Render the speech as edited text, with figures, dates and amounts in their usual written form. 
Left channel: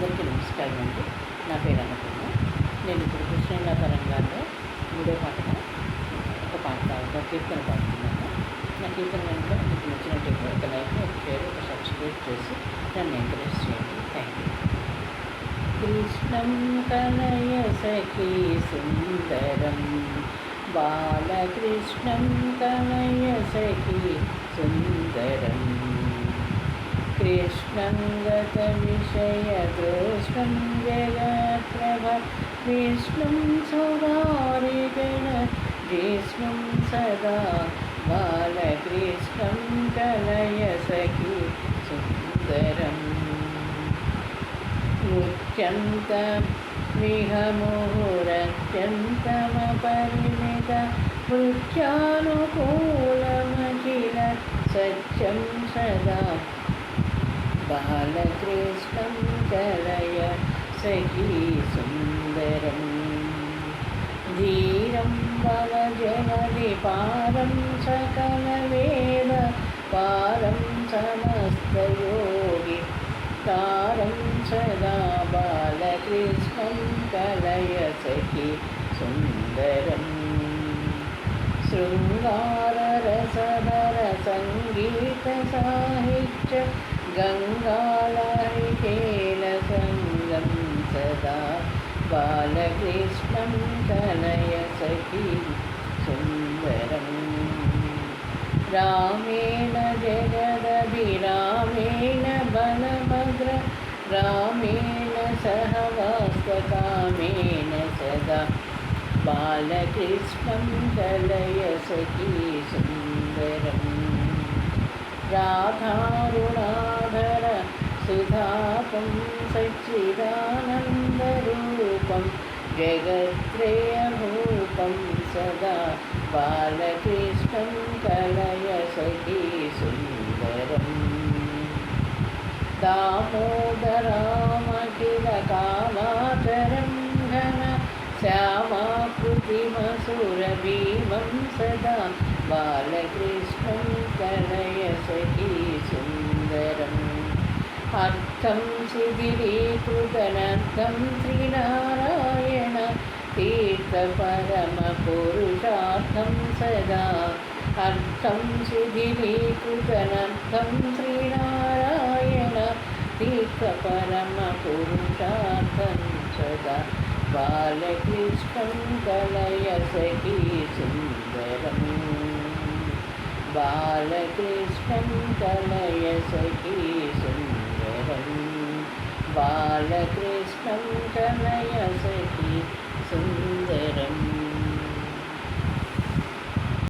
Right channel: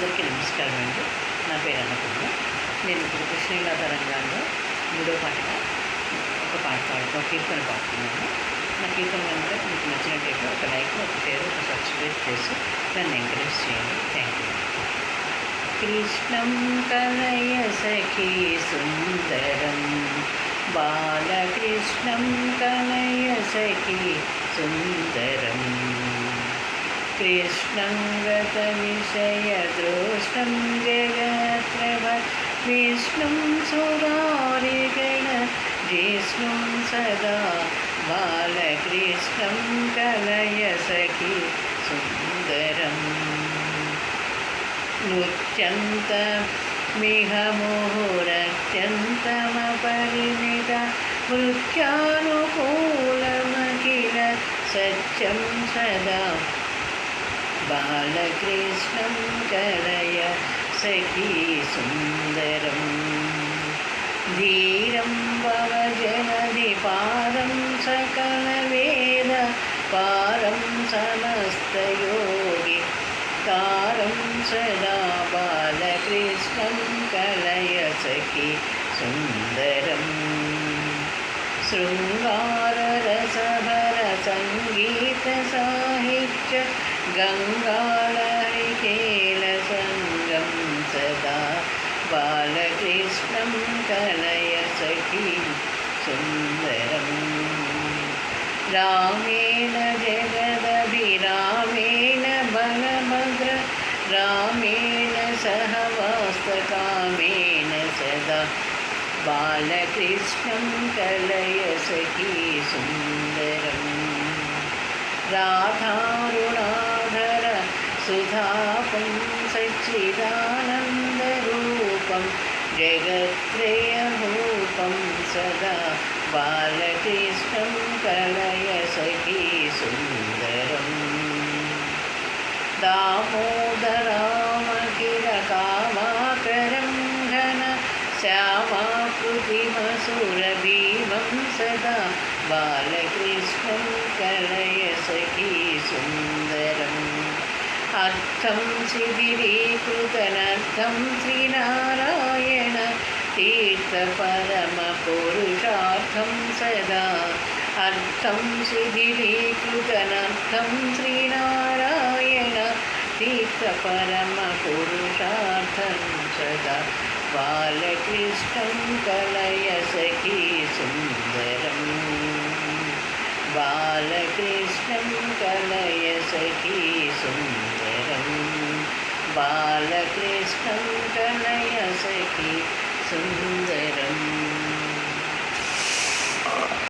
అందరికీ నమస్కారం అండి. నా పేరు అన్నపూర్ణ. నేను ఇప్పుడు కృష్ణలీలా తరంగాల్లో 3వ పాటగా ఒక కీర్తన పాడుతున్నాను. నా కీర్తన కనుక మీకు నచ్చినట్టయితే ఒక లైక్, ఒక షేర్, ఒక సబ్స్క్రైబ్ చేసి నన్ను ఎంకరేజ్ చేయండి. Thank you. కృష్ణం కలయ సఖీ సుందరం, బాలకృష్ణం కలయ సఖీ సుందరం, कृष्णं गतविषयदृष्टं जगत्रभ विष्णुं सुरारिगणजिष्णुं सदा, बालकृष्णं कलय सखी सुन्दरम्। नृत्यन्तमिह मुहुरत्यन्तमपरिमित मृत्यानुकूलमखिल सत्यं सदा, बालकृष्णं कलय सखी सुन्दरं। धीरं भवजनधिपारं सकलवेद पारं समस्तयोगि कारं सदा, बालकृष्णं कलय सखी सुन्दरम्। शृङ्गाररसभरसङ्गीतसाहित्य गङ्गालहरिकेलसङ्गं सदा, बालकृष्णं कलय सखी सुन्दरम्। रामेण जगदभिरामेण बलभद्र रामेण सहवास्तकामेन सदा, बालकृष्णं कलय सखी सुन्दरम्। राधारुणाधर सुधापं सच्चिदानन्दरूपं जगत्त्रयभूपं सदा, बालकृष्णं कलय सखी सुन्दरम्। दामोदरामखिलकामाकरं घन श्यामाकृतिमसुरभीमं सदा, बालकृष्णं कलय सखी सुन्दरम्। अर्थं शिथिलीकृतनर्थं श्रीनारायण तीर्थपरमपुरुषार्थं सदा, अर्थं शिथिलीकृतनर्थं श्रीनारायण तीर्थपरमपुरुषार्थं सदा, बालकृष्णं कलय सखी सुन्दरम्। बालकृष्णं कलय सखी सुन्दरम्, बालकृष्णं कलय सखी सुन्दरम्।